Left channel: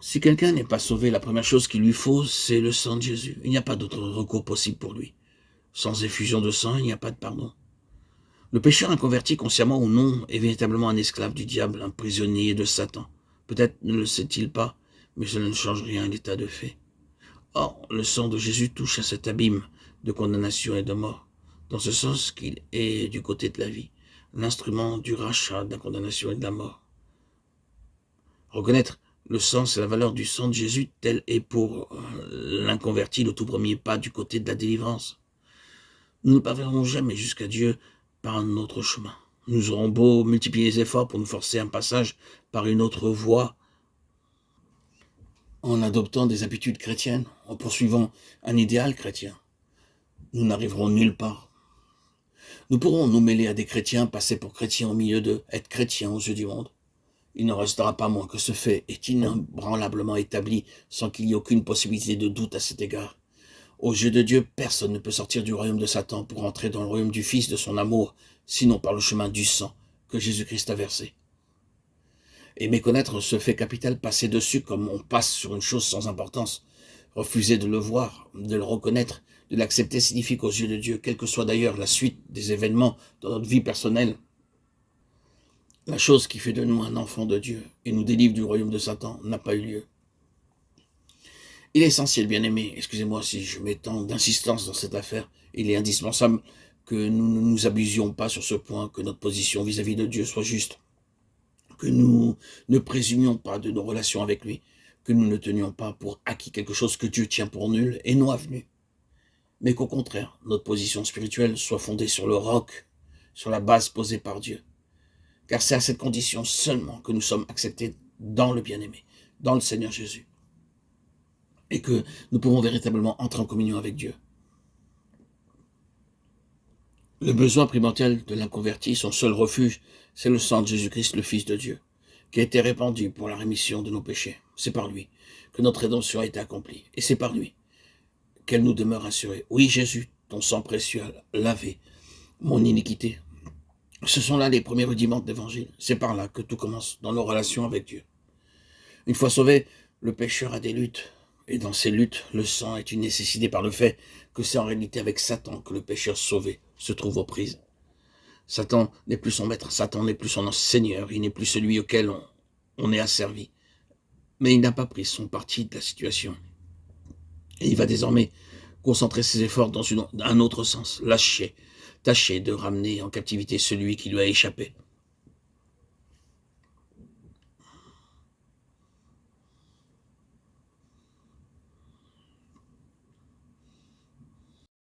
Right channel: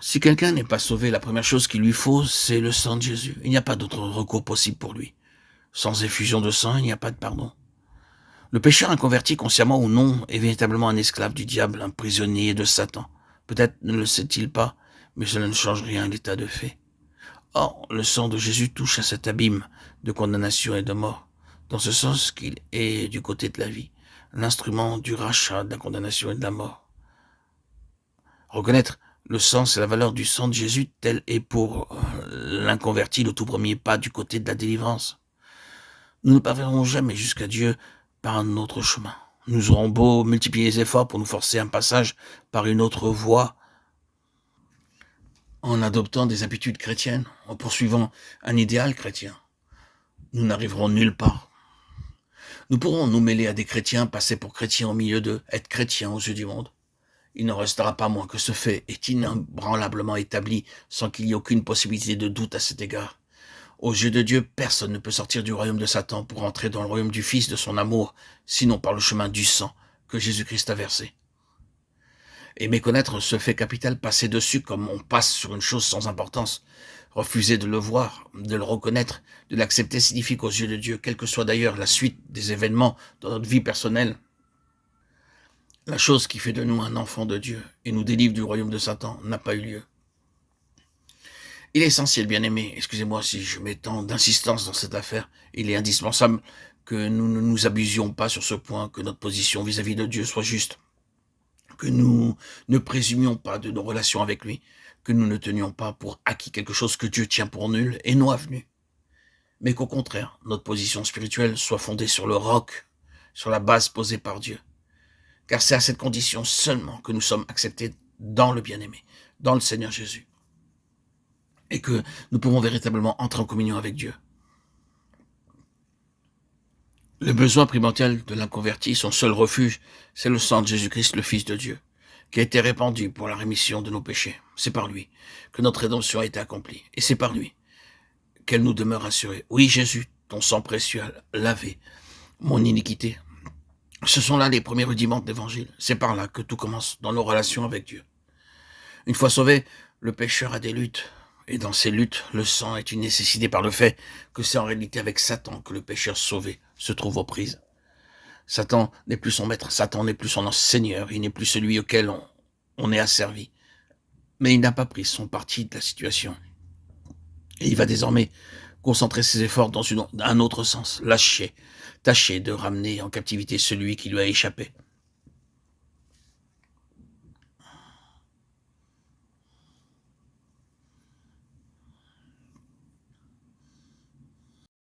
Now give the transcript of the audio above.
Si quelqu'un n'est pas sauvé, la première chose qu'il lui faut, c'est le sang de Jésus. Il n'y a pas d'autre recours possible pour lui. Sans effusion de sang, il n'y a pas de pardon. Le pécheur inconverti, consciemment ou non, est véritablement un esclave du diable, un prisonnier de Satan. Peut-être ne le sait-il pas, mais cela ne change rien à l'état de fait. Or, le sang de Jésus touche à cet abîme de condamnation et de mort, dans ce sens qu'il est du côté de la vie, l'instrument du rachat de la condamnation et de la mort. Reconnaître le sens et la valeur du sang de Jésus, tel est pour l'inconverti le tout premier pas du côté de la délivrance. Nous ne parviendrons jamais jusqu'à Dieu par un autre chemin. Nous aurons beau multiplier les efforts pour nous forcer un passage par une autre voie, en adoptant des habitudes chrétiennes, en poursuivant un idéal chrétien. Nous n'arriverons nulle part. Nous pourrons nous mêler à des chrétiens, passer pour chrétiens au milieu d'eux, être chrétiens aux yeux du monde. Il n'en restera pas moins que ce fait est inébranlablement établi sans qu'il y ait aucune possibilité de doute à cet égard. Aux yeux de Dieu, personne ne peut sortir du royaume de Satan pour entrer dans le royaume du Fils de son amour, sinon par le chemin du sang que Jésus-Christ a versé. Et méconnaître ce fait capital, passer dessus comme on passe sur une chose sans importance, refuser de le voir, de le reconnaître, de l'accepter signifie qu'aux yeux de Dieu, quelle que soit d'ailleurs la suite des événements dans notre vie personnelle, la chose qui fait de nous un enfant de Dieu et nous délivre du royaume de Satan n'a pas eu lieu. Il est essentiel, bien-aimé, excusez-moi si je mets tant d'insistance dans cette affaire, il est indispensable que nous ne nous abusions pas sur ce point, que notre position vis-à-vis de Dieu soit juste, que nous ne présumions pas de nos relations avec lui, que nous ne tenions pas pour acquis quelque chose que Dieu tient pour nul et non avenu, mais qu'au contraire, notre position spirituelle soit fondée sur le roc, sur la base posée par Dieu. Car c'est à cette condition seulement que nous sommes acceptés dans le bien-aimé, dans le Seigneur Jésus, et que nous pouvons véritablement entrer en communion avec Dieu. Le besoin primordial de l'inconverti, son seul refuge, c'est le sang de Jésus-Christ, le Fils de Dieu, qui a été répandu pour la rémission de nos péchés. C'est par lui que notre rédemption a été accomplie, et c'est par lui qu'elle nous demeure assurée. Oui, Jésus, ton sang précieux a lavé mon iniquité. Ce sont là les premiers rudiments de l'Évangile. C'est par là que tout commence dans nos relations avec Dieu. Une fois sauvé, le pécheur a des luttes. Et dans ces luttes, le sang est une nécessité par le fait que c'est en réalité avec Satan que le pécheur sauvé se trouve aux prises. Satan n'est plus son maître, Satan n'est plus son seigneur, il n'est plus celui auquel on est asservi. Mais il n'a pas pris son parti de la situation. Et il va désormais concentrer ses efforts dans un autre sens, tâcher de ramener en captivité celui qui lui a échappé.